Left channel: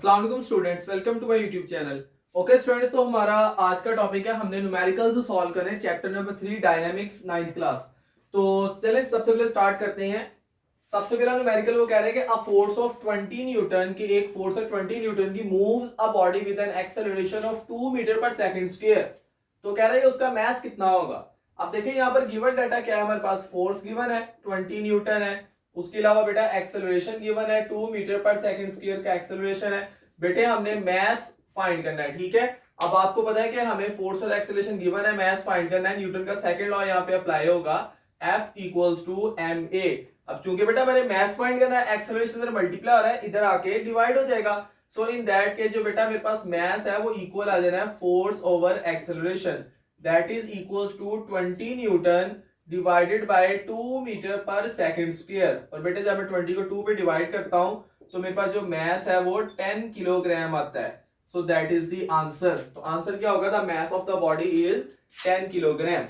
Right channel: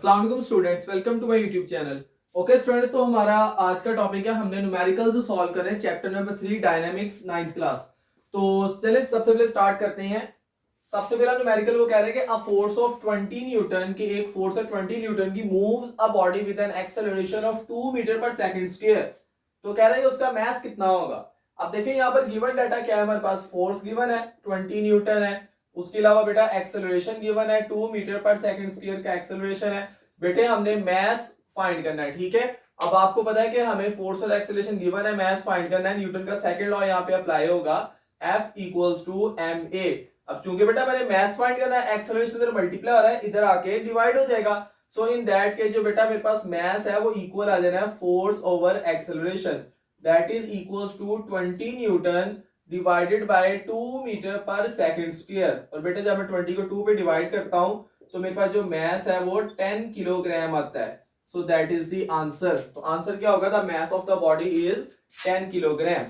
अस्सलाम वालेकुम students, welcome to my YouTube channel. Okay students, तो हमारा आज का टॉपिक है, हमने न्यूमेरिकल्स सॉल्व करने chapter number 3 dynamics 9th class. तो चलिए सबसे पहले स्टार्ट करते हैं। सबसे पहला न्यूमेरिकल वो कह रहे हैं कि अ फोर्स ऑफ 20 न्यूटन की एक फोर्स है 20 न्यूटन की moves a body with an acceleration of 2 metre per second square. तो कह रहा है कि उसका मास कितना होगा। अब देखिए यहाँ पर गिवन डाटा क्या है, हमारे पास फोर्स गिवन है 20 न्यूटन है, उसके अलावा बेटा एक्सेलरेशन गिवन है 2 मीटर पर सेकंड स्क्वायर का एक्सेलरेशन है। बेटे हमने मास फाइंड करना है, ठीक है। अब आपको पता है कि हमें फोर्स और एक्सेलरेशन गिवन है, मास फाइंड करना है। न्यूटन का सेकंड लॉ यहाँ पे अप्लाई होगा, F इक्वल्स टू ma। अब चूंकि बेटा मैंने मास फाइंड करना है, एक्सेलरेशन इधर मल्टीप्लाई हो रहा है, इधर आके डिवाइड हो जाएगा। सो इन दैट के जो बेटा मेरे पास मास है वो इक्वल आ जाना है force over acceleration, that is equals to 20 newton divided by 2 metre per second square. और बेटे जब मैं 20 को 2 पे डिवाइड करता हूं तो मेरे पास जो मास है वो 10 किलोग्राम आता है। So that is the answer. तो आंसर क्या होगा, the mass of the body is 10 kilogram.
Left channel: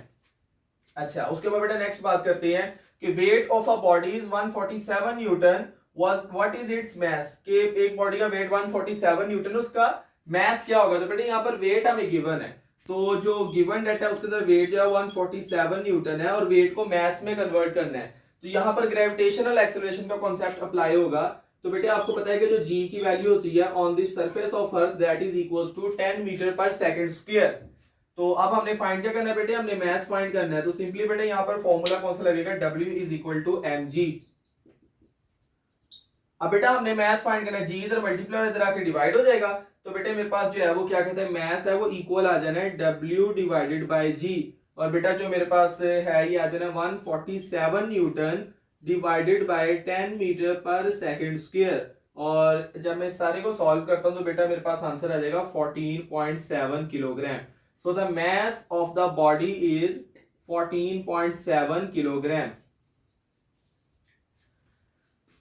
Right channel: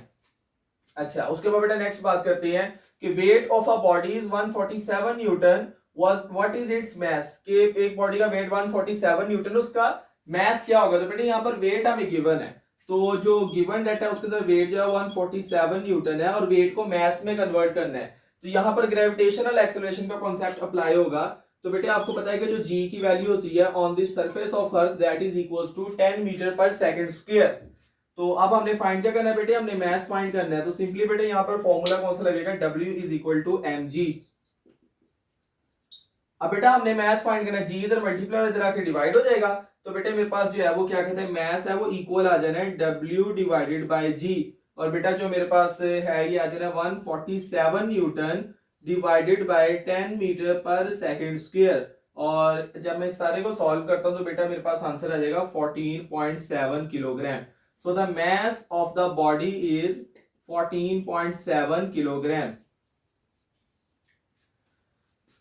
अच्छा, उसके बाद बेटा नेक्स्ट बात करते हैं कि weight of a body is 147 Newton, what is its mass. कि एक बॉडी का वेट 147 न्यूटन, उसका मास क्या होगा। तो बेटा यहाँ पर वेट हमें गिवन है, तो जो गिवन डेटा है उसके अंदर वेट जो है 147 न्यूटन है और वेट को मास में कन्वर्ट करना है। तो यहाँ पर ग्रेविटेशनल एक्सेलरेशन का कॉन्सेप्ट अप्लाई होगा। तो बेटे आपको पता है कि जो g की वैल्यू होती है on the surface of earth that is equals to 10 metre per second square. तो अब हमने फाइंड क्या करना है बेटे, हमने मास फाइंड करना है। तो सिंपली बेटे यहाँ पर फॉर्मूला कौन सा लगेगा, w is equal to mg। अब बेटा हमने मास फाइंड करना है, g इधर मल्टीप्लाई इधर आके डिवाइड हो जाएगा। तो बेटे मेरे पास जो है वो क्या कहते हैं, मास है वो इक्वल आ जाना है w डिवाइडेड बाय g। और बेटा जो मेरे पास है ये आ जाना है 147 Newton divided bye 10 metre per second square. और जब मैं सारे को सॉल्व करता हूं तो बेटा मेरे पास आंसर आ जाएगा 14.7 kilogram. So the mass of the body is 14.7 kilogram.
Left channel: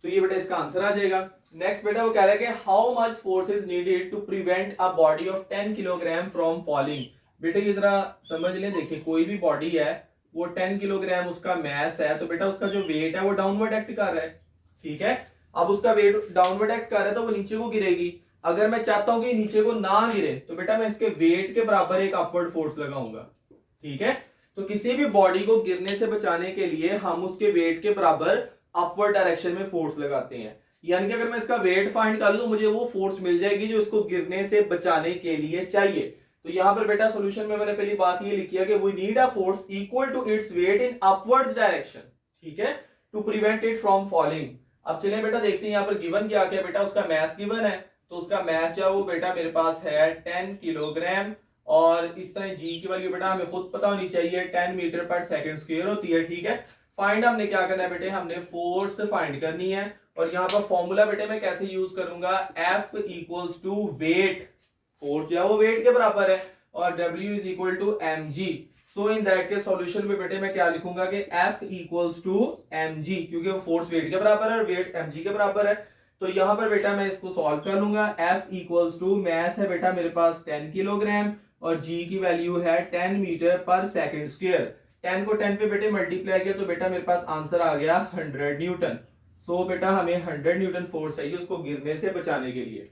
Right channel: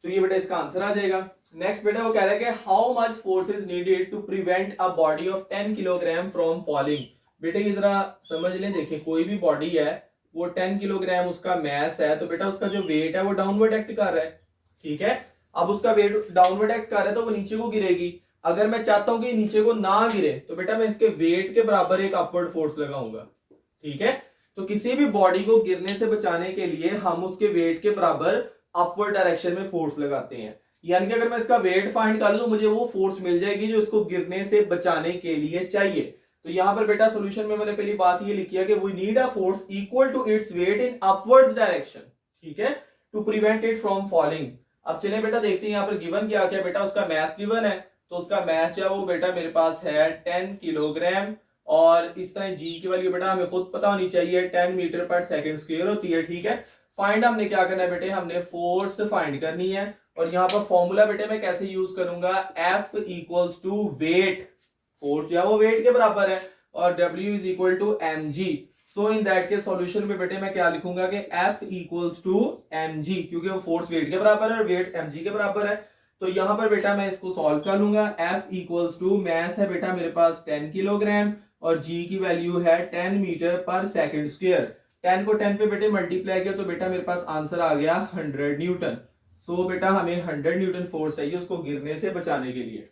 तो ये बेटा इसका आंसर आ जाएगा। नेक्स्ट बेटा वो कह रहा है कि how much force is needed to prevent a body of 10 kilogram from falling. बेटे ये जरा समझ लें, देखिए कोई भी बॉडी है वो 10 किलोग्राम उसका मास है, तो बेटा उसका जो वेट है वो डाउनवर्ड एक्ट कर रहा है, ठीक है। अब उसका वेट डाउनवर्ड एक्ट कर रहा है तो वो नीचे को गिरेगी। अगर मैं चाहता हूं कि नीचे को ना गिरे तो बेटा मैं इसके वेट के बराबर एक अपवर्ड फोर्स लगाऊंगा, ठीक है। तो किसी भी बॉडी को गिरने से बचाने के लिए हम उसके वेट के बराबर अपवर्ड डायरेक्शन में फोर्स लगाते हैं। यानी कि अगर मैं इसका वेट फाइंड कर लूं तो मुझे वो फोर्स मिल जाएगी जो इसको गिरने से बचाने के लिए चाहिए। तो यहां पर बेटा सॉल्यूशन में मैंने पहली बात ये लिखी है कि we need a force equal to its weight in upwards direction, ठीक है, to prevent it from falling. अब चलिए बेटा देखते हैं यहाँ पर गिवन क्या क्या बेटा, उसका मास गिवन है। तो उसका मास जो है वो बेटा मेरे पास है 10 किलोग्राम। और इस तरह जी की वैल्यू बेटा हमें खुद पता होनी चाहिए, 10 मीटर पर सेकंड स्क्वायर होती है, ठीक है। फाइंड हमने क्या करना है बेटे, हमने फोर्स फाइंड करनी है। और यहाँ पर फॉर्मूला बेटे मैं कैसे यूज करूंगा, F equals to weight, force जो है वो वेट के बराबर है, और W is equal to mg। So in that के सॉल्यूशन में बेटे मैं क्या लिखूंगा कि F इक्वल्स टू mg, क्योंकि वो फोर्स वेट के बराबर है और वेट mg के बराबर है। तो यहाँ पर बेटा मैं इसको सॉल्व कर लूंगा। F इक्वल्स टू मास है बेटा मेरे पास 10 किलोग्राम और g की वैल्यू है 10 मीटर पर सेकंड स्क्वायर। 10 को 10 पे बेटे मल्टीप्लाई किया तो बेटा मेरे पास आंसर आ गया 100 न्यूटन। सो बेटा हमें 100 न्यूटन फोर्स चाहिए उसको गिरने से बचाने के लिए।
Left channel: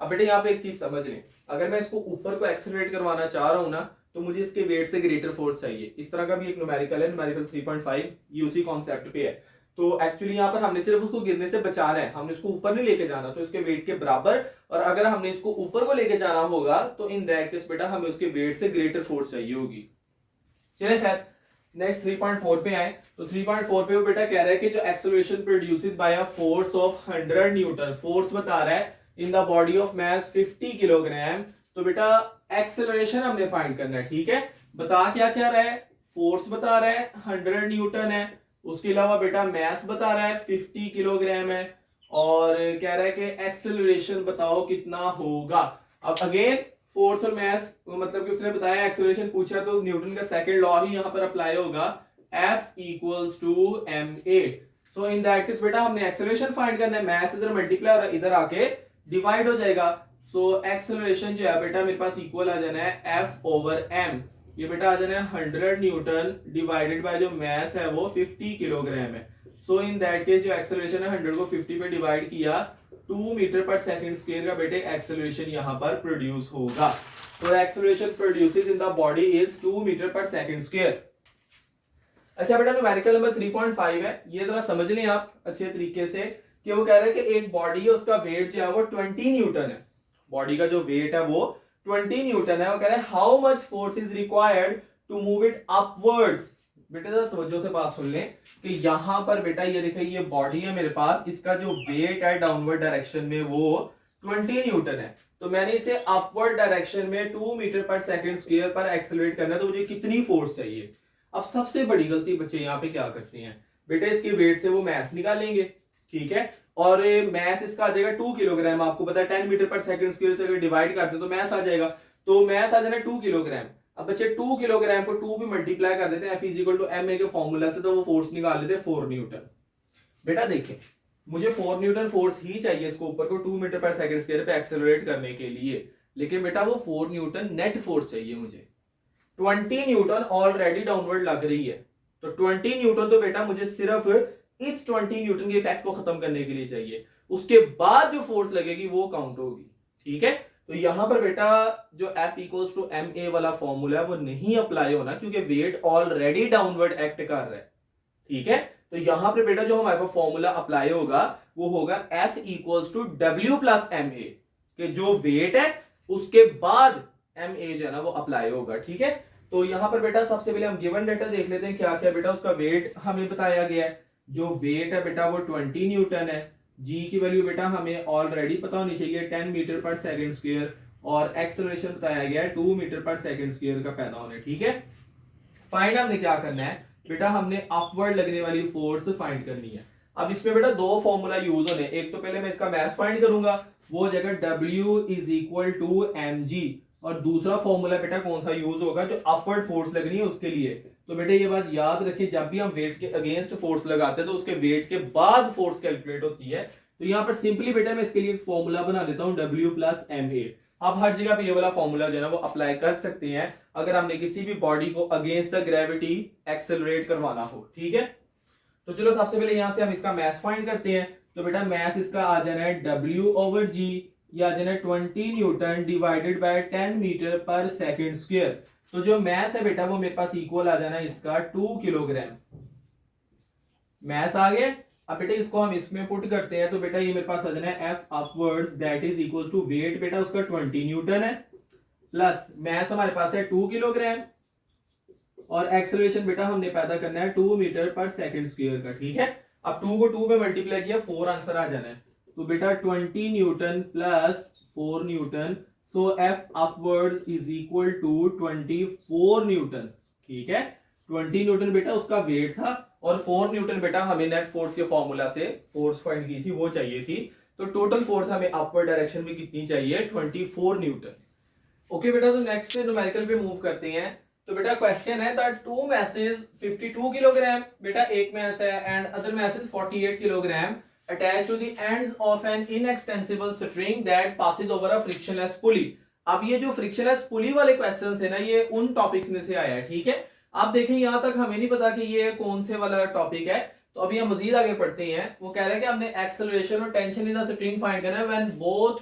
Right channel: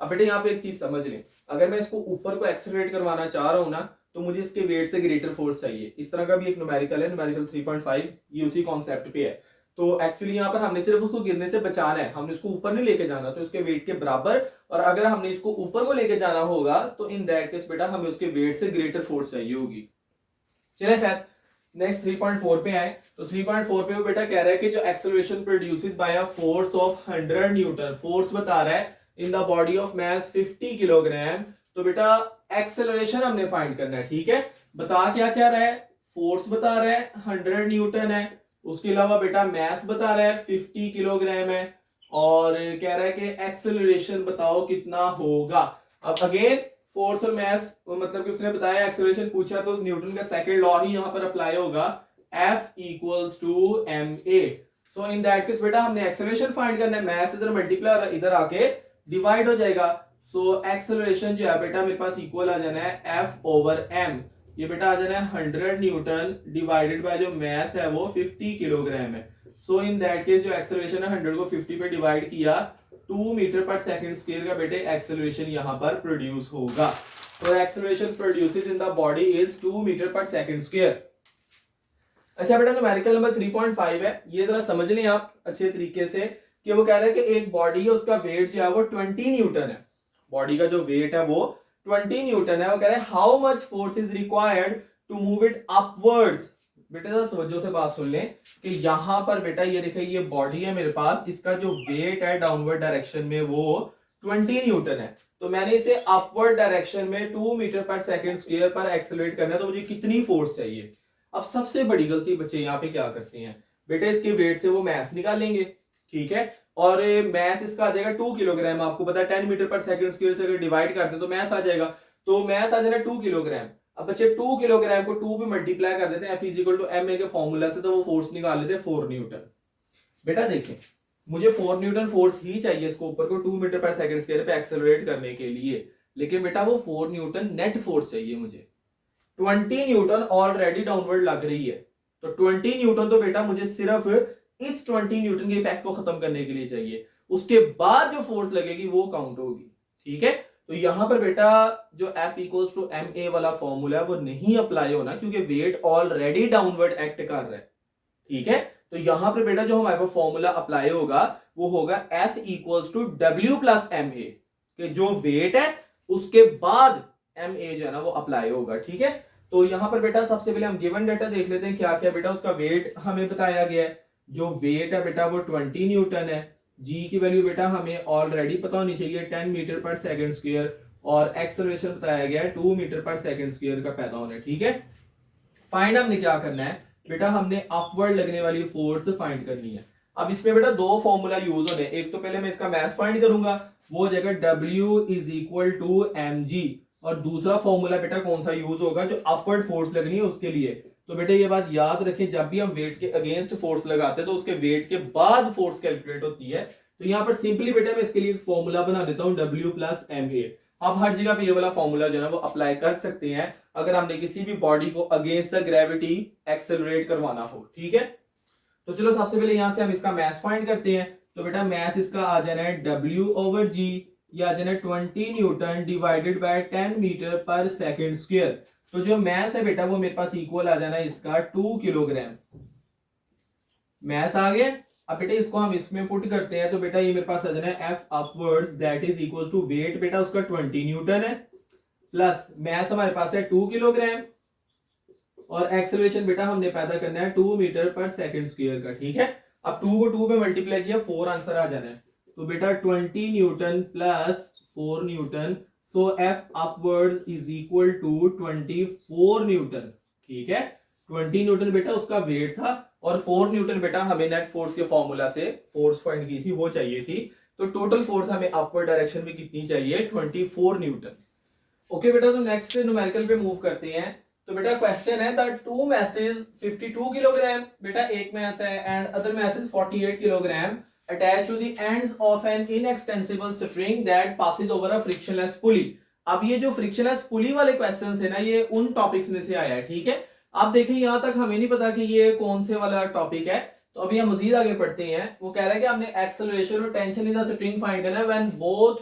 अब बेटे यहाँ पे एक चीज समझ लें, अगर मैं इसको ऊपर को एक्सेलरेट करवाना चाह रहा हूँ ना तो मुझे इसके वेट से ग्रेटर फोर्स चाहिए। इस तरह का भी एक न्यूमेरिकल है, न्यूमेरिकल 3.5, ये उसी कॉन्सेप्ट पे है। तो एक्चुअली यहाँ पर हमने सिर्फ उसको गिरने से बचाना है, हमने इसको ऊपर नहीं लेके जाना, तो इसके वेट के बराबर। और अगर हमने इसको ऊपर को लेके जाना होगा तो इन दैट केस बेटा हमें उसके वेट से ग्रेटर फोर्स चाहिए होगी। चलिए खैर नेक्स्ट 3.4 पे आए। तो 3.4 पे वो बेटा कह रहा है कि जो acceleration produces bye a force of 100 Newton, force बता रहा है इन the body of mass 50 kilogram. तो बेटा एक्सेलरेशन हमने फाइंड करना है, ठीक है। बता क्या क्या रहा है, फोर्स बता रहा है 100 न्यूटन है, उसके अलावा बेटा मास बता रहा है 50 किलोग्राम है, और कह रहा है कि एक्सेलरेशन बताओ कितना होगा। अब अगेन फोर्स और मास मतलब कि उसने बताया, एक्सेलरेशन पूछा तो न्यूटन का सेकंड लॉ ही यहाँ पर अप्लाई होगा, F equals to ma। So in that case बेटा हमने एक्सेलरेशन फाइंड करना है, मास इधर मल्टीप्लाई इधर आके डिवाइड हो जाएगा। सो एक्सेलरेशन जो है बेटा मेरे पास इक्वल आ जाना है F ओवर m। ये बेटा आ जाना है 100 न्यूटन डिवाइडेड बाय जो मास है वो 50 किलोग्राम है। सो इन दैट केस जो एक्सेलरेशन है 100 को 50 पे डिवाइड किया 2 मीटर पर सेकंड स्क्वायर का बेटे एक्सेलरेशन यहाँ पर प्रोड्यूस होगा। तो acceleration produces in the body is 2 metre per second square. अच्छा बेटा न्यूमेरिकल नंबर 3.5 है, ये जरा समझ लें आप अच्छे तरीके से कि वो कह रहे हैं कि एक बॉडी है उसका वेट जो है वो 20 न्यूटन है। बॉडी का जो वेट है वो 20 न्यूटन है। वो कह रहे हैं how much force is required to move it upwards. बेटा जरा तवज्जो से बात सुन लें कि यहां पर बेटा ये देखिए ये बॉडी है मेरे पास, इसका जो वेट है डाउनवर्ड डायरेक्शन में वो 20 न्यूटन है। तो मैंने इसे अपवर्ड डायरेक्शन में 2 मीटर पर सेकंड स्क्वायर पर एक्सेलरेट करना है, तो मुझे कितनी फोर्स चाहिए। अब सबसे बड़ी गलती बच्चे यहाँ पे क्या करते हैं बेटा, इसके वेट से वो मैस निकालेंगे, ठीक है, और मैस इसका आ जाएगा 2 किलोग्राम। आपको पता है 10 मीटर पर सेकंड स्क्वायर से अगर डिवाइड करते हैं तो मैस आ जाएगा, तो मैस आ जाएगा 2 किलोग्राम। अब बच्चे 2 किलोग्राम को 2 पे मल्टीप्लाई कर देते हैं F = ma के फॉर्मूला से, तो वो फोर्स निकाल लेते हैं 4 न्यूटन। बेटा देखिए मुझे 4 न्यूटन फोर्स ही चाहिए इसको ऊपर को 2 मीटर पर सेकंड स्क्वायर पे एक्सेलरेट करने के लिए, लेकिन बेटा वो 4 न्यूटन नेट फोर्स चाहिए मुझे। 20 न्यूटन ऑलरेडी डाउनवर्ड लग रही है, तो 20 न्यूटन तो बेटा मुझे सिर्फ इस 20 न्यूटन के इफेक्ट को खत्म करने के लिए चाहिए, उसके बाद जो फोर्स लगेगी वो काउंट होगी, ठीक है। तो यहां पर बेटा जो F = ma वाला फॉर्मूला है वो नहीं अप्लाई होना, क्योंकि वेट ऑलरेडी डाउनवर्ड एक्ट कर रहा है, ठीक है। तो यहां पर बेटा जो हमारे पास फॉर्मूला अप्लाई होगा वो होगा F = W + ma, कि जो वेट है उसके बाद ma जो है ना वो अप्लाई होगा, ठीक है। तो यहां पर बेटा सबसे पहले हम गिवन डाटा देख लेते हैं क्या क्या बेटा उसका वेट हमें बताया गया है। जो वेट है बेटा वो 20 न्यूटन है, जी की वैल्यू बेटा हमें ऑलरेडी पता होनी चाहिए 10 मीटर पर सेकंड स्क्वायर, और एक्सेलरेशन बताया गया है 2 मीटर पर सेकंड स्क्वायर का पैदा होने, ठीक है। फाइंड हमने क्या करना है बेटा, हमने अपवर्ड लगने वाली फोर्स फाइंड करनी है। अब इसमें बेटा दो फॉर्मूला यूज होने, एक तो पहले मैं इसका मैथ फाइंड करूंगा, वो हो जाएगा W = mg, और दूसरा फॉर्मूला बेटा कौन सा यूज होगा जो अपवर्ड फोर्स लगनी है उसके लिए। तो बेटा ये बात याद रखें, जब भी हम वेट के अगेंस्ट फोर्स लगाते हैं तो उसके वेट के बाद फोर्स कैलकुलेट होती है। तो यहाँ पर सिंपली बेटा मैं इसके लिए एक फॉर्मूला बना देता हूँ W + ma। आप हर जगह पे ये वाला फॉर्मूला जो है ना वो अप्लाई कर सकते हैं अगर हमने किसी भी बॉडी को अगेंस्ट द ग्रेविटी एक्सेलरेट करवाना हो, ठीक है। तो चलो सबसे पहले यहाँ से हम इसका मैथ फाइंड करते हैं। तो बेटा मैथ इसका आ जाना है W/g, या आ जाना है 20 newton divided bye 10 metre per second square. तो जो मैथ है बेटा वो मेरे पास इक्वल आ जाना है इसका 2 किलोग्राम। मैथ आ गया। अब बेटा इसको हम इसमें पुट करते हैं, तो बेटा ये मेरे पास आ जाना है F upwards that is equal to weight बेटा उसका 20 न्यूटन है, प्लस मैथ हमारे पास है 2 किलोग्राम, और एक्सेलरेशन बेटा हमने पैदा करना है 2 मीटर पर सेकंड स्क्वायर का, ठीक है। अब 2 को 2 पे मल्टीप्लाई किया 4 आंसर आ जाना है, तो बेटा 20 newton plus 4 newton, so F upwards is equal to 24 newton, ठीक है। 20 न्यूटन बेटा उसका वेट था, और 4 न्यूटन बेटा हमें नेट फोर्स के फॉर्मूला से फोर्स फाइंड की थी वो चाहिए थी। तो टोटल फोर्स हमें अपवर्ड डायरेक्शन में कितनी चाहिए, 24 न्यूटन। ओके बेटा, तो नेक्स्ट न्यूमेरिकल पे मूव करते हैं। तो बेटा क्वेश्चन है दैट टू मैसेज 52 किलोग्राम, बेटा एक मैस है, and other message 48 kilogram attached to the ends of an inextensible string that passes over a frictionless pulley। अब ये जो frictionless pulley वाले क्वेश्चंस है ना ये उन टॉपिक्स में से आया है, ठीक है। आप देखें यहाँ तक हमें नहीं पता कि ये कौन से वाला टॉपिक है, तो अभी हम मजीद आगे पढ़ते हैं। वो कह रहा है कि हमने एक्सेलरेशन और tension in the spring find करना है when both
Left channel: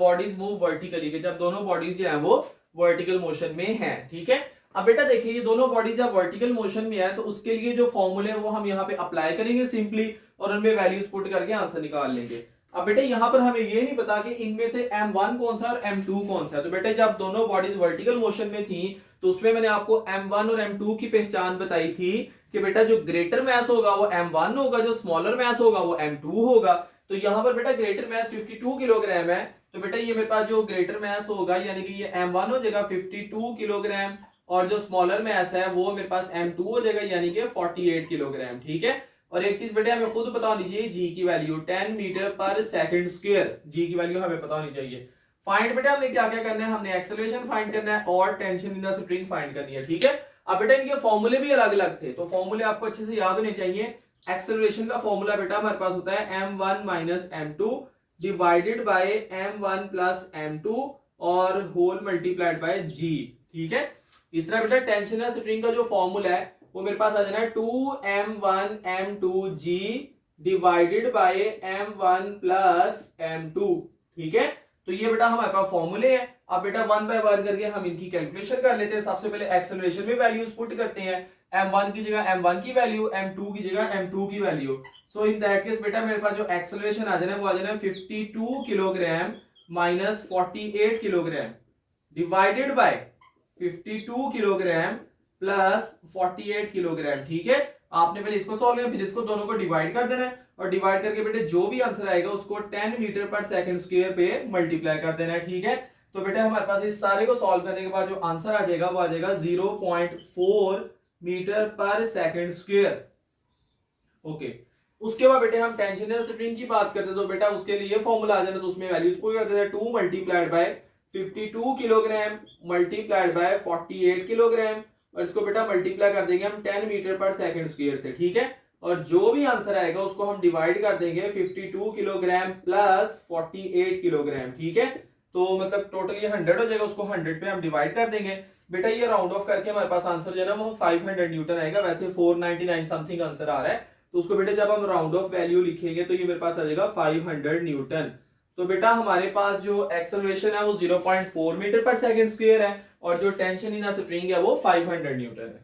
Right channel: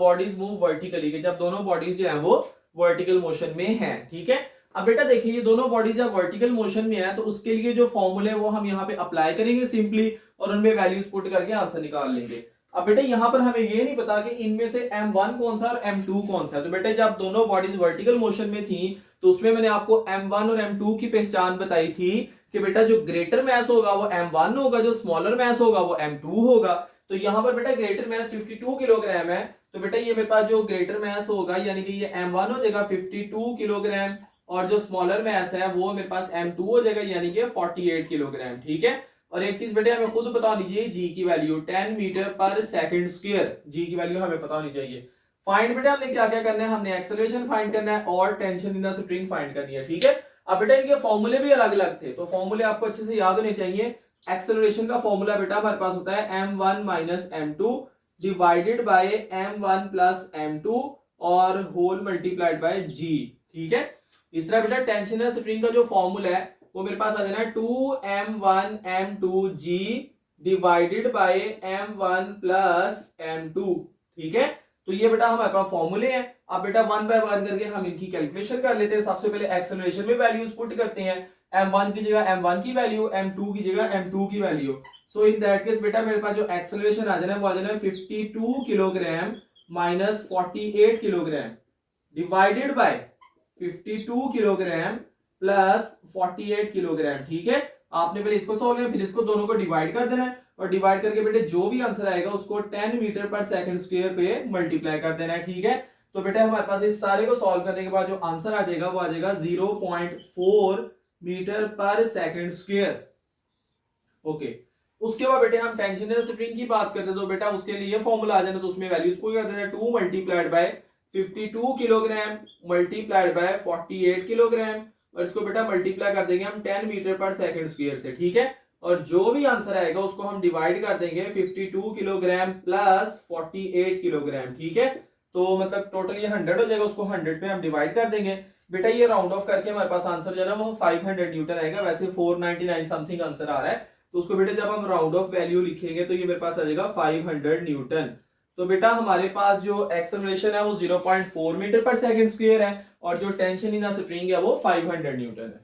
bodies move vertically, कि जब दोनों बॉडीज जो है वो वर्टिकल मोशन में है, ठीक है। अब बेटा देखिए ये दोनों बॉडीज जब वर्टिकल मोशन में है तो उसके लिए जो फॉर्मूले है वो हम यहाँ पे अप्लाई करेंगे सिंपली, और उनमें वैल्यूज पुट करके आंसर निकाल लेंगे। अब बेटा यहाँ पर हमें ये नहीं पता कि इनमें से M1 कौन सा और M2 कौन सा है। तो बेटा जब दोनों बॉडीज वर्टिकल मोशन में थी तो उसमें मैंने आपको M1 और M2 की पहचान बताई थी कि बेटा जो ग्रेटर मैस होगा वो M1 होगा, जो स्मॉलर मैस होगा वो M2 होगा। तो यहाँ पर बेटा ग्रेटर मैस 52 किलोग्राम है, तो बेटा ये मेरे पास जो ग्रेटर मैस होगा यानी कि ये M1 हो जाएगा 52 किलोग्राम, और जो स्मॉलर मैस है वो मेरे पास M2 हो जाएगा यानी कि 48 किलोग्राम, ठीक है। और एक चीज बेटा हमें खुद बता दीजिए जी की value 10 metre per second square, जी की वैल्यू हमें पता होनी चाहिए। फाइंड बेटा हमने क्या क्या करना है, हमने एक्सेलरेशन फाइंड करना है और tension in the spring find करनी है, ठीक है। अब बेटा इनके फॉर्मूले भी अलग अलग थे, तो फॉर्मूले आपको अच्छे से याद होने चाहिए। एक्सेलरेशन का फॉर्मूला बेटा हमारे पास होता है m1 - m2 divided by m1 + m2 और होल मल्टीप्लाइड बाय g, ठीक है। इस तरह बेटा टेंशनल स्प्रिंग का जो फॉर्मूला है वो मेरे पास आ जाना है 2m1 m2g divided by m1 plus m2। ठीक है, तो ये बेटा हमारे पास फॉर्मूले हैं। अब बेटा वन बाय वन करके हम इनकी कैलकुलेशन कर लेते हैं। सबसे पहले एक्सेलरेशन में वैल्यूज पुट करते हैं। m1 की जगह m1 की वैल्यू, m2 की जगह m2 की value. So in that case बेटा मेरे पास जो एक्सेलरेशन आ जाना है वो आ जाना है 52 kilogram minus 48 kilogram divided by 52 kilogram plus 48 kilogram. ठीक है, आपने पहले इसको सॉल्व किया, फिर इसको दोनों को डिवाइड कर देना है और डिवाइड करके बेटे जो भी आंसर आएगा उसको 10 मीटर पर सेकंड स्क्वायर पे मल्टीप्लाई कर देना है। ठीक है, तो बेटा हमारे पास इस सारे को सॉल्व करने के बाद जो आंसर आ जाएगा वो आ जाएगा 0.4 metre per second square. Okay, उसके बाद बेटे हम टेंशनल स्प्रिंग की बात करते हैं तो बेटा उसके लिए फॉर्मूला आ जाना, तो उसमें वैल्यूज पुट कर देते हैं। 2 multiplied by 52 kilogram multiplied by 48 kilogram और इसको बेटा मल्टीप्लाई कर देंगे हम 10 मीटर पर सेकंड स्क्वायर से। ठीक है, और जो भी आंसर आएगा उसको हम डिवाइड कर देंगे 52 किलोग्राम प्लस 48 किलोग्राम। ठीक है, तो मतलब टोटल ये 100 हो जाएगा, उसको 100 पे हम डिवाइड कर देंगे। बेटा ये राउंड ऑफ करके हमारे पास आंसर जो है वो 500 न्यूटन आएगा। वैसे 499 समथिंग आंसर आ रहा है, तो उसको बेटा जब हम राउंड ऑफ वैल्यू लिखेंगे तो ये मेरे पास आ जाएगा 500 न्यूटन। तो बेटा हमारे पास जो एक्सेलरेशन है वो 0.4 मीटर पर सेकंड स्क्वायर है और जो टेंशन इन स्प्रिंग है वो 500 न्यूटन है।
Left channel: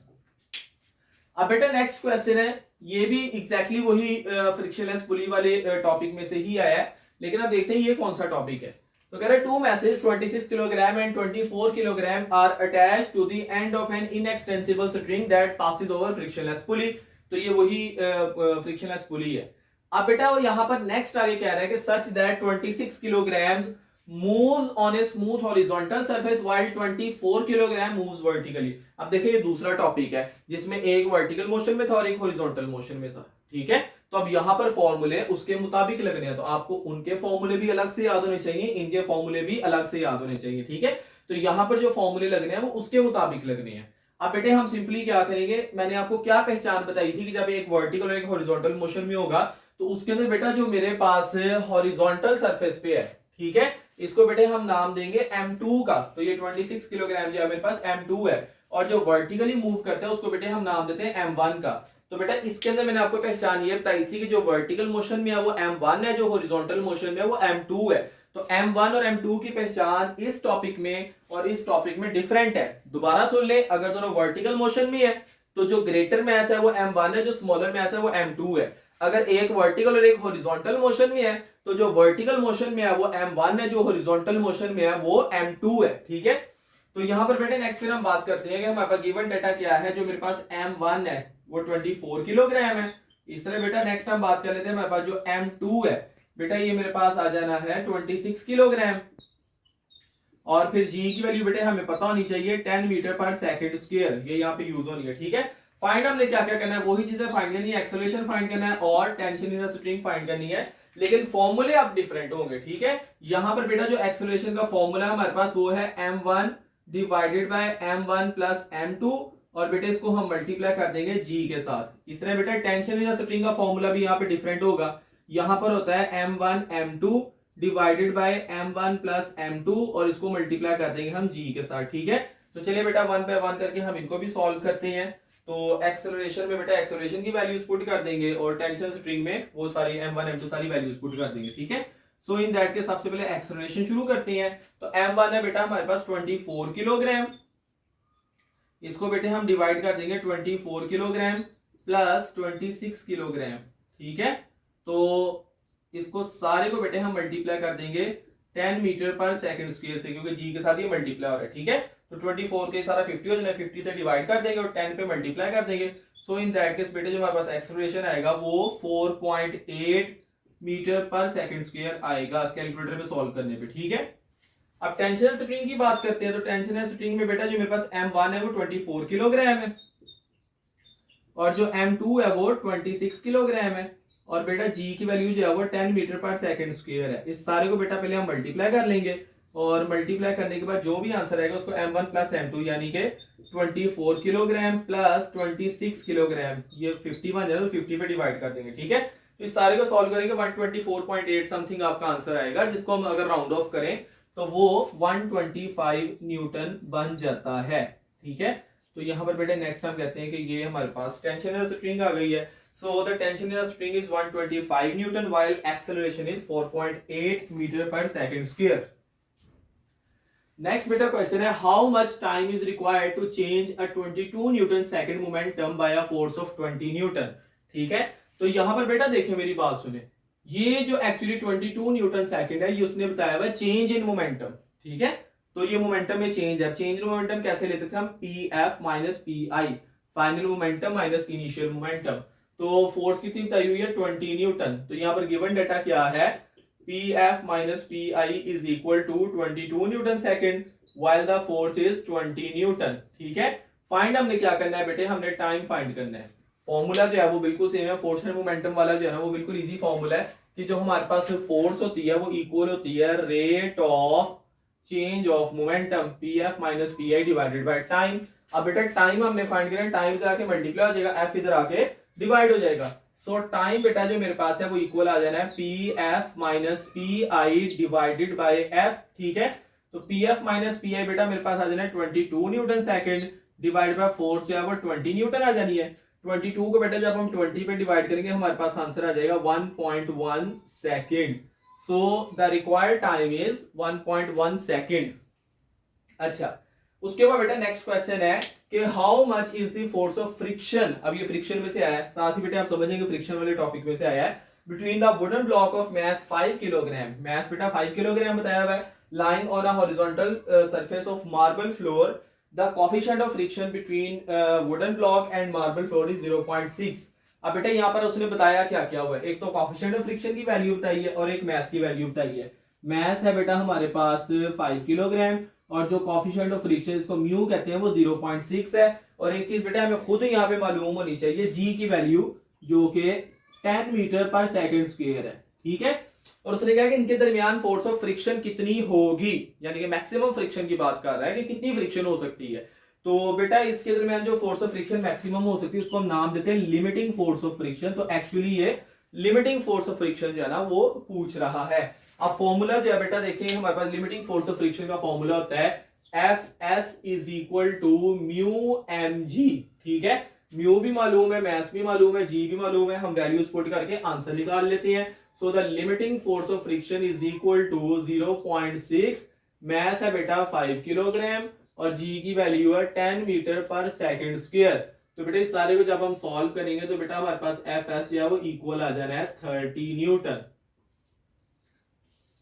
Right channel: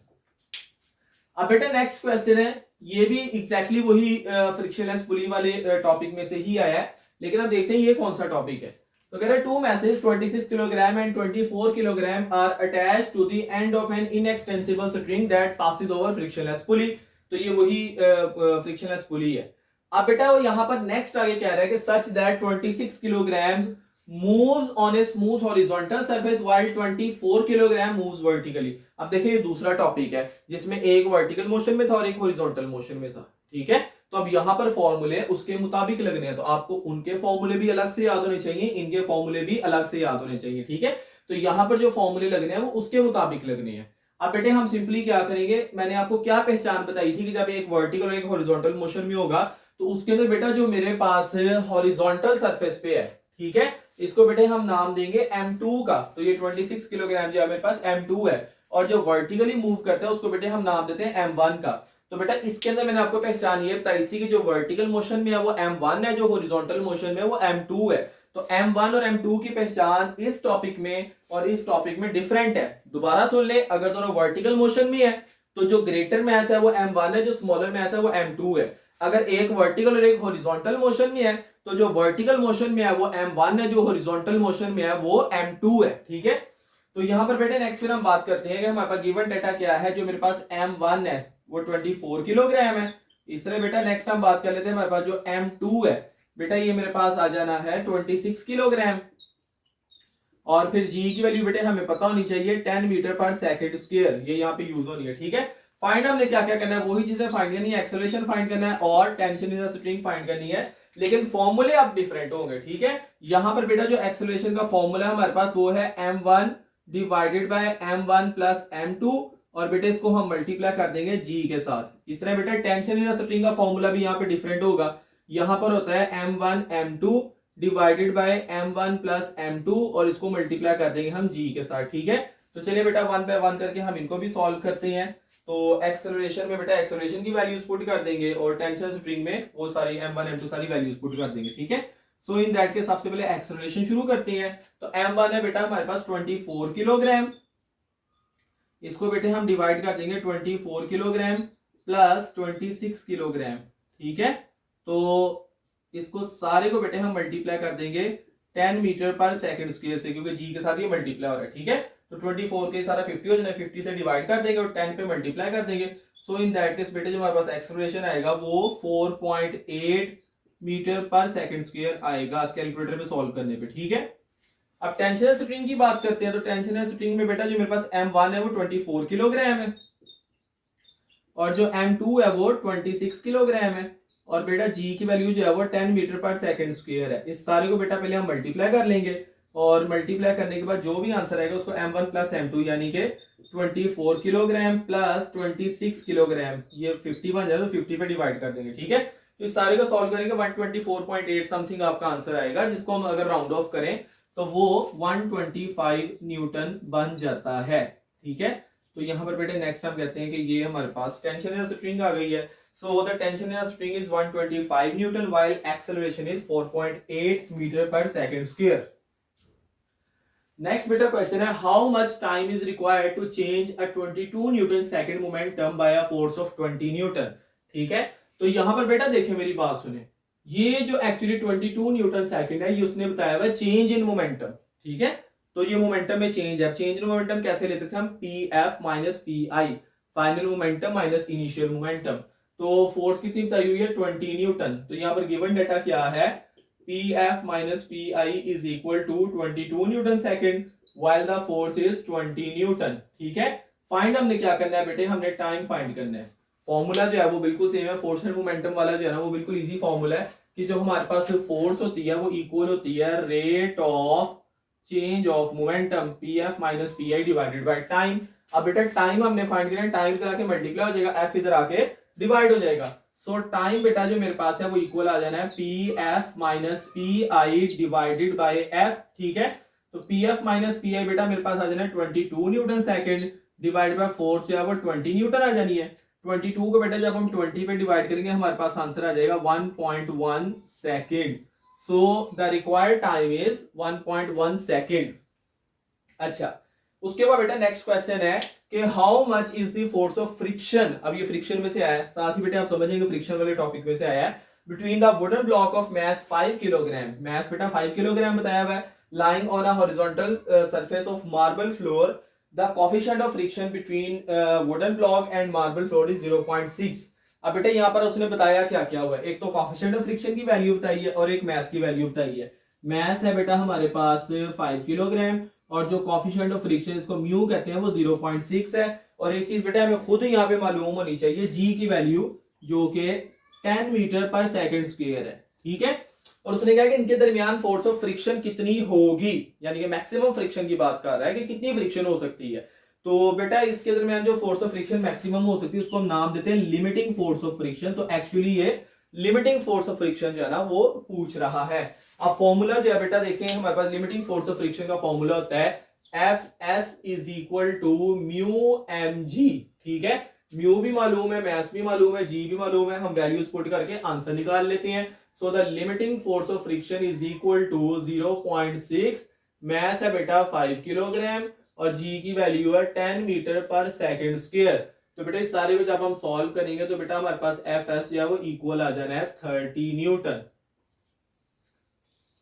अब बेटा नेक्स्ट क्वेश्चन है, ये भी एग्जैक्टली वही फ्रिक्शनलेस पुली वाले टॉपिक में से ही आया है, लेकिन अब देखते हैं ये कौन सा टॉपिक है। तो कह रहे two masses 26 kilogram and 24 kilogram are attached to the end of an inextensible string that passes over frictionless pulley. तो ये वही फ्रिक्शनलेस पुली है। अब बेटा वो यहाँ पर नेक्स्ट आगे कह रहा है कि such that 26 kilogram moves on a smooth horizontal surface while 24 kilogram moves vertically। अब देखिए ये दूसरा टॉपिक है जिसमें एक वर्टिकल मोशन में था और एक हॉरिजॉन्टल मोशन में था। ठीक है, तो अब यहाँ पर फॉर्मूले उसके मुताबिक लगने हैं, तो आपको उनके फॉर्मूले भी अलग से याद होने चाहिए, इनके फॉर्मूले भी अलग से याद होने चाहिए। ठीक है, तो यहाँ पर जो फॉर्मूले लगने हैं वो उसके मुताबिक लगने हैं। अब बेटे हम सिंपली क्या करेंगे, मैंने आपको क्या पहचान बताई थी कि जब एक वर्टिकल और एक हॉरिजॉन्टल मोशन में होगा तो उसके अंदर बेटा जो मेरे पास हॉरिजॉन्टल सरफेस पे है, ठीक है, इसको बेटे हम नाम देंगे m2 का। तो ये 26 किलोग्राम जो मेरे पास m2 है और जो वर्टिकली मूव करता है उसको बेटे हम नाम देते हैं m1 का। तो बेटा इसके अंदर मैंने आपको पहचान ये बताई थी कि जो वर्टिकल मोशन में है वो m1 है, जो हॉरिजॉन्टल मोशन में है वो m2 है। तो m1 और m2 की पहचान इस टॉपिक में और इस टॉपिक में डिफरेंट है। दोबारा सुन ले, अगर दोनों वर्टिकल मोशन में है तो जो ग्रेटर मैस है वो m1 है, जो स्मॉलर मैस है वो m2 है। अगर एक वर्टिकल और एक हॉरिजॉन्टल मोशन में है तो जो वर्टिकल मोशन में है वो m1 है, जो हॉरिजॉन्टल मोशन में है वो m2 है। ठीक है, तो यहां पर बेटे नेक्स्ट फिर हम बात करते हैं कि हमारे पास गिवन डेटा क्या है। जो मेरे पास m1 है वो 24 किलोग्राम है। इस तरह बेटा नेक्स्ट हम बात कर लेते हैं, हमारे पास जो m2 है बेटा ये मेरे पास आ जाना है 26 किलोग्राम और फिर g की वैल्यू बेटे हमें पता होनी चाहिए 10 मीटर पर सेकंड स्क्वायर, ये यहाँ पे यूज होनी है। ठीक है, फाइंड हमने क्या क्या करना है, वही चीजें फाइंड करनी है, एक्सेलरेशन फाइंड करना है और tension in the string find करनी है, लेकिन फॉर्मूले अब डिफरेंट होंगे। ठीक है, यहां पर बेटा जो एक्सेलरेशन का फॉर्मूला हमारे पास वो है m1 divided by m1 plus m2 और बेटा इसको हम मल्टीप्लाई कर देंगे g के साथ। इस तरह बेटा टेंशन इन द स्ट्रिंग का फॉर्मूला भी यहाँ पे डिफरेंट होगा। यहाँ पर होता है m1 m2 divided by m1 plus m2 और इसको मल्टीप्लाई कर देंगे हम g के साथ। ठीक है, तो चलिए बेटा वन बाय वन करके हम इनको भी सॉल्व करते हैं। तो एक्सेलरेशन में बेटा एक्सेलरेशन की वैल्यूज पुट कर देंगे और टेंशन स्प्रिंग में वो सारी m1 m2 सारी वैल्यूज पुट कर देंगे। ठीक है, सो इन दैट के सबसे पहले एक्सेलरेशन शुरू करते हैं। तो m1 है बेटा हमारे पास 24 किलोग्राम, इसको बेटे हम डिवाइड कर देंगे 24 किलोग्राम प्लस 26 किलोग्राम। ठीक है, तो इसको सारे को बेटे हम मल्टीप्लाई कर देंगे 10 मीटर पर सेकंड स्क्वायर से, क्योंकि जी के साथ ये मल्टीप्लाई हो रहा है। ठीक है, तो 24 के सारा 50 हो जाए, 50 से डिवाइड कर देंगे और 10 पे मल्टीप्लाई कर देंगे। सो इन दैट केस बेटे जो हमारे पास एक्सेलरेशन आएगा वो 4.8 मीटर पर सेकंड स्क्वायर आएगा कैलकुलेटर में सॉल्व करने पे। ठीक है, अब टेंशनल स्प्रिंग की बात करते हैं। तो टेंशनल स्प्रिंग में बेटा जो मेरे पास m1 है वो 24 किलोग्राम है और जो m2 है वो 26 किलोग्राम है और बेटा g की वैल्यू जो है वो 10 मीटर पर सेकंड स्क्वायर है। इस सारे को बेटा पहले हम मल्टीप्लाई कर लेंगे और मल्टीप्लाई करने के बाद जो भी आंसर आएगा उसको m1 प्लस m2 यानी कि 24 किलोग्राम प्लस 26 किलोग्राम, ये 50 बन जाए तो 50 पे डिवाइड कर देंगे। ठीक है, तो इस सारे को सॉल्व करेंगे 124.8 समथिंग आपका आंसर आएगा, जिसको हम अगर राउंड ऑफ करें तो वो 125 न्यूटन बन जाता है। ठीक है, तो यहाँ पर बेटे नेक्स्ट हम कहते हैं कि ये हमारे पास टेंशनल स्ट्रिंग आ गई है। So the tension in the spring is 125 Newton while acceleration is 4.8 meter per second square. Next बेटा क्वेश्चन है how much time is required to change a 22 Newton second momentum by a force of 20 Newton. ठीक है, तो यहां पर बेटा देखिए मेरी बात सुने, ये जो एक्चुअली 22 न्यूटन सेकंड है ये उसने बताया हुआ चेंज इन मोमेंटम। ठीक है, तो ये मोमेंटम में चेंज है। चेंज इन मोमेंटम कैसे लेते थे हम, पी एफ माइनस पी आई, final momentum minus initial momentum. तो फोर्स कितनी बताई हुई है 20 न्यूटन। तो यहाँ पर गिवन डाटा क्या है, P F minus P I is equal to 22 newton second while the force is 20 newton. ठीक है, फाइंड हमने क्या करना है बेटे, हमने टाइम फाइंड करना है। फॉर्मूला जो है वो बिल्कुल सेम है, फोर्स एंड मोमेंटम वाला जो है ना वो बिल्कुल इजी फॉर्मूला है कि जो हमारे पास फोर्स होती है वो इक्वल होती है rate of change of momentum P F minus P I divided by time. अब बेटा टाइम हमने फाइंड करना है, टाइम इधर आके मल्टीप्लाई हो जाएगा, एफ इधर आके डिवाइड हो जाएगा। सो टाइम बेटा जो मेरे पास है वो इक्वल आ जाना है P F minus P I divided by F. ठीक है, तो पी एफ माइनस पी आई बेटा मेरे पास आ जाना है 22 newton second divide by force जो है वो 20 न्यूटन आ जानी है। 22 को बेटा जब हम 20 पे डिवाइड करेंगे हमारे पास आंसर आ जाएगा 1.1 second. So the required time is 1.1 second. अच्छा, उसके बाद बेटा नेक्स्ट क्वेश्चन है कि how much is the force of friction. अब ये फ्रिक्शन में से आया है, साथ ही बेटा आप समझेंगे फ्रिक्शन वाले टॉपिक में से आया है, between the wooden block of mass 5 kilogram, mass बेटा 5 किलोग्राम बताया हुआ है, lying on a horizontal surface of marble floor, the coefficient of friction between wooden block and marble floor is 0.6। अब बेटा यहाँ पर उसने बताया क्या क्या हुआ है, एक तो coefficient of friction की वैल्यू बताई है और एक mass की वैल्यू बताई है। mass है बेटा हमारे पास 5 किलोग्राम और जो coefficient of friction इसको म्यू कहते हैं वो 0.6 है। और एक चीज बेटा हमें खुद यहाँ पे मालूम होनी चाहिए g की वैल्यू जो कि 10 मीटर पर सेकेंड स्क्वायर है। ठीक है, और उसने कहा कि इनके दरमियान फोर्स ऑफ फ्रिक्शन कितनी होगी, यानी कि मैक्सिमम फ्रिक्शन की बात कर रहा है कि कितनी फ्रिक्शन हो सकती है। तो बेटा इसके दरमियान जो फोर्स ऑफ फ्रिक्शन मैक्सिमम हो सकती है उसको हम नाम देते हैं लिमिटिंग फोर्स ऑफ फ्रिक्शन। तो एक्चुअली ये लिमिटिंग फोर्स ऑफ फ्रिक्शन जो है ना वो पूछ रहा है। अब फॉर्मूला जो है बेटा देखें, हमारे पास लिमिटिंग फोर्स ऑफ फ्रिक्शन का फॉर्मूला होता है F S is equal to mu M G. ठीक है, म्यू भी मालूम है, मैस भी मालूम है, जी भी मालूम है, हम वैल्यूज पुट करके आंसर निकाल लेते हैं। So the limiting force of friction is equal to 0.6, mass है बेटा 5 किलोग्राम और जी की वैल्यू है 10 मीटर पर सेकेंड स्क्वायर। तो बेटा इस सारे को जब हम सॉल्व करेंगे तो बेटा हमारे पास एफ एस जो है वो इक्वल आ जाना है 30 न्यूटन।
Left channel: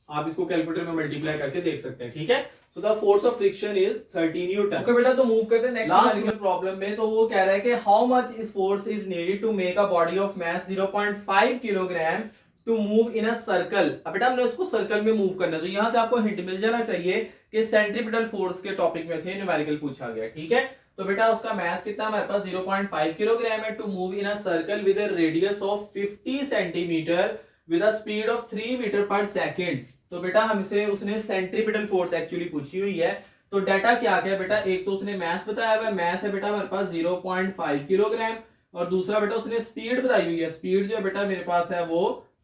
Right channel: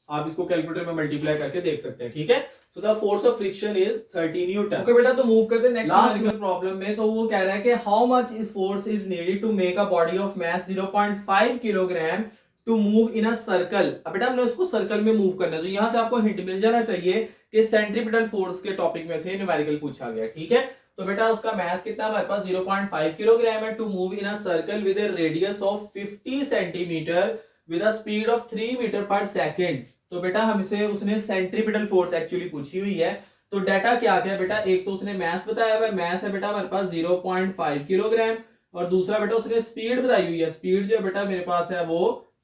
आप इसको कैलकुलेटर में मल्टीप्लाई करके देख सकते हैं। ठीक है, so the force of friction is 30 Newton. Okay बेटा, तो मूव करते हैं नेक्स्ट प्रॉब्लम में। तो वो कह रहा है कि how much is force is needed to make a body of mass 0.5 kilogram to move in a circle. अब बेटा हमने उसको सर्कल में मूव करना है, तो यहां से आपको हिंट मिल जाना चाहिए कि सेंट्रीपिटल फोर्स के टॉपिक में से न्यूमेरिकल पूछा गया। ठीक है, तो बेटा उसका मैस कितना हमारे पास 0.5 किलोग्राम है to move in a circle with a radius of 50 centimetre with a speed of 3 metre per second. तो बेटा हमसे उसने सेंट्रीपिटल फोर्स एक्चुअली पूछी हुई है। तो डाटा क्या क्या है बेटा, एक तो उसने मैस बताया हुआ है, मैस है बेटा हमारे पास 0.5 किलोग्राम और दूसरा बेटा उसने स्पीड बताई हुई है, स्पीड जो बेटा मेरे पास है वो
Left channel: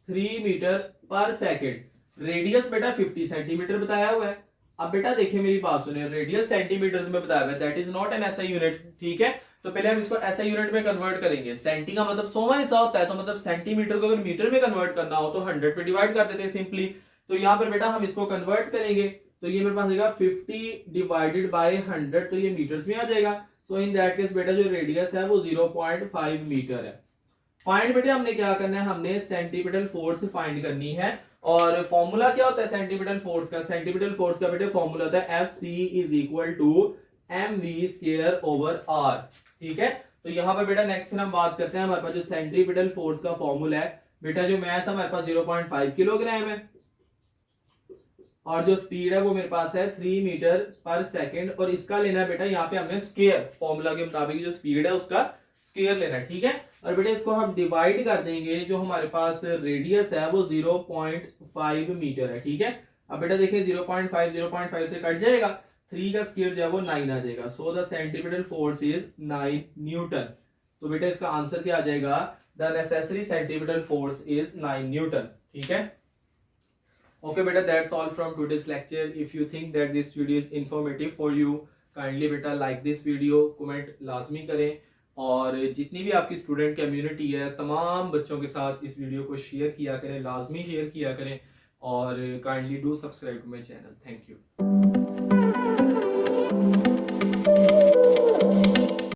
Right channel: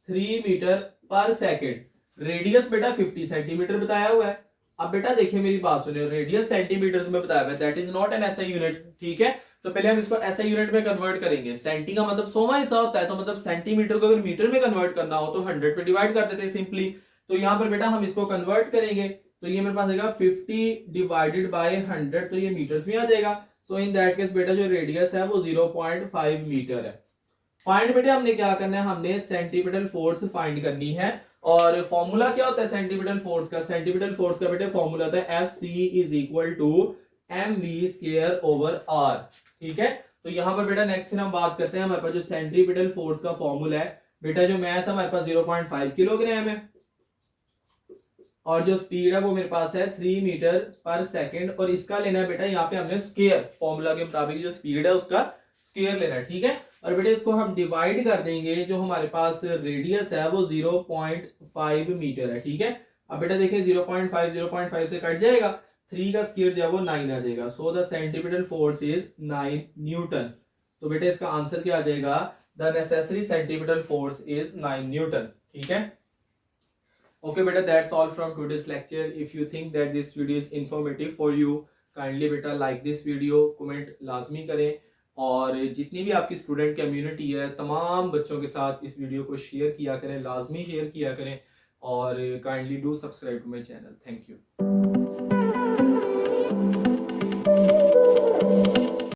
3 मीटर पर सेकेंड, रेडियस बेटा 50 सेंटीमीटर बताया हुआ है। अब बेटा देखिए मेरी बात सुनिए, रेडियस सेंटीमीटर्स में बताया हुआ है, that is not an SI unit. ठीक है, तो पहले हम इसको एसआई यूनिट में कन्वर्ट करेंगे। सेंटी का मतलब 100वां हिस्सा होता है, तो मतलब सेंटीमीटर को अगर मीटर में कन्वर्ट करना हो तो 100 पे डिवाइड कर देते हैं सिंपली। तो यहाँ पर बेटा हम इसको कन्वर्ट करेंगे तो ये मेरे पास आएगा 50 डिवाइडेड बाय 100, तो ये मीटर्स में आ जाएगा। सो इन दैट केस बेटा जो रेडियस है वो 0.5 मीटर है। फाइंड बेटा हमने क्या करना है, हमने सेंटीपिटल फोर्स फाइंड करनी है। और फॉर्मूला क्या होता है सेंटीपिटल फोर्स का, सेंटीपिटल फोर्स का बेटा फॉर्मूला होता है F C is equal to M V square over R. ठीक है, तो यहाँ पर बेटा नेक्स्ट फिर हम बात करते हैं हमारे पास जो सेंट्रीपिटल फोर्स का फॉर्मूला है बेटा, जो मैस हमारे पास 0.5 किलोग्राम है और जो स्पीड है वो मेरे पास है 3 मीटर पर सेकेंड, और इसका लेना है बेटा यहाँ पे हमने स्क्वायर, फॉर्मूला के मुताबिक जो स्पीड है उसका स्क्वायर लेना है। ठीक है, और बेटा इसको हम डिवाइड कर देंगे, जो हमारे पास रेडियस है वो 0.5 मीटर है। ठीक है, अब बेटा देखिए 0.5 से कट जाएगा, 3 का स्क्वायर जो है वो 9 आ जाएगा। So the centripetal force is 9 Newton. तो बेटा इसका आंसर क्या आ जाएगा, the necessary centripetal force is 9 Newton. ठीक है, okay beta, that's all from today's lecture. If you think that this video is informative for you, kindly beta like this video, comment लाजमी करें और जितनी भी आपकी स्टूडेंट कम्युनिटी है तमाम बच्चों के साथ इस वीडियो को शेयर किया करें, लाजमी शेयर किया करें, और kindly do subscribe to my channel. Thank you.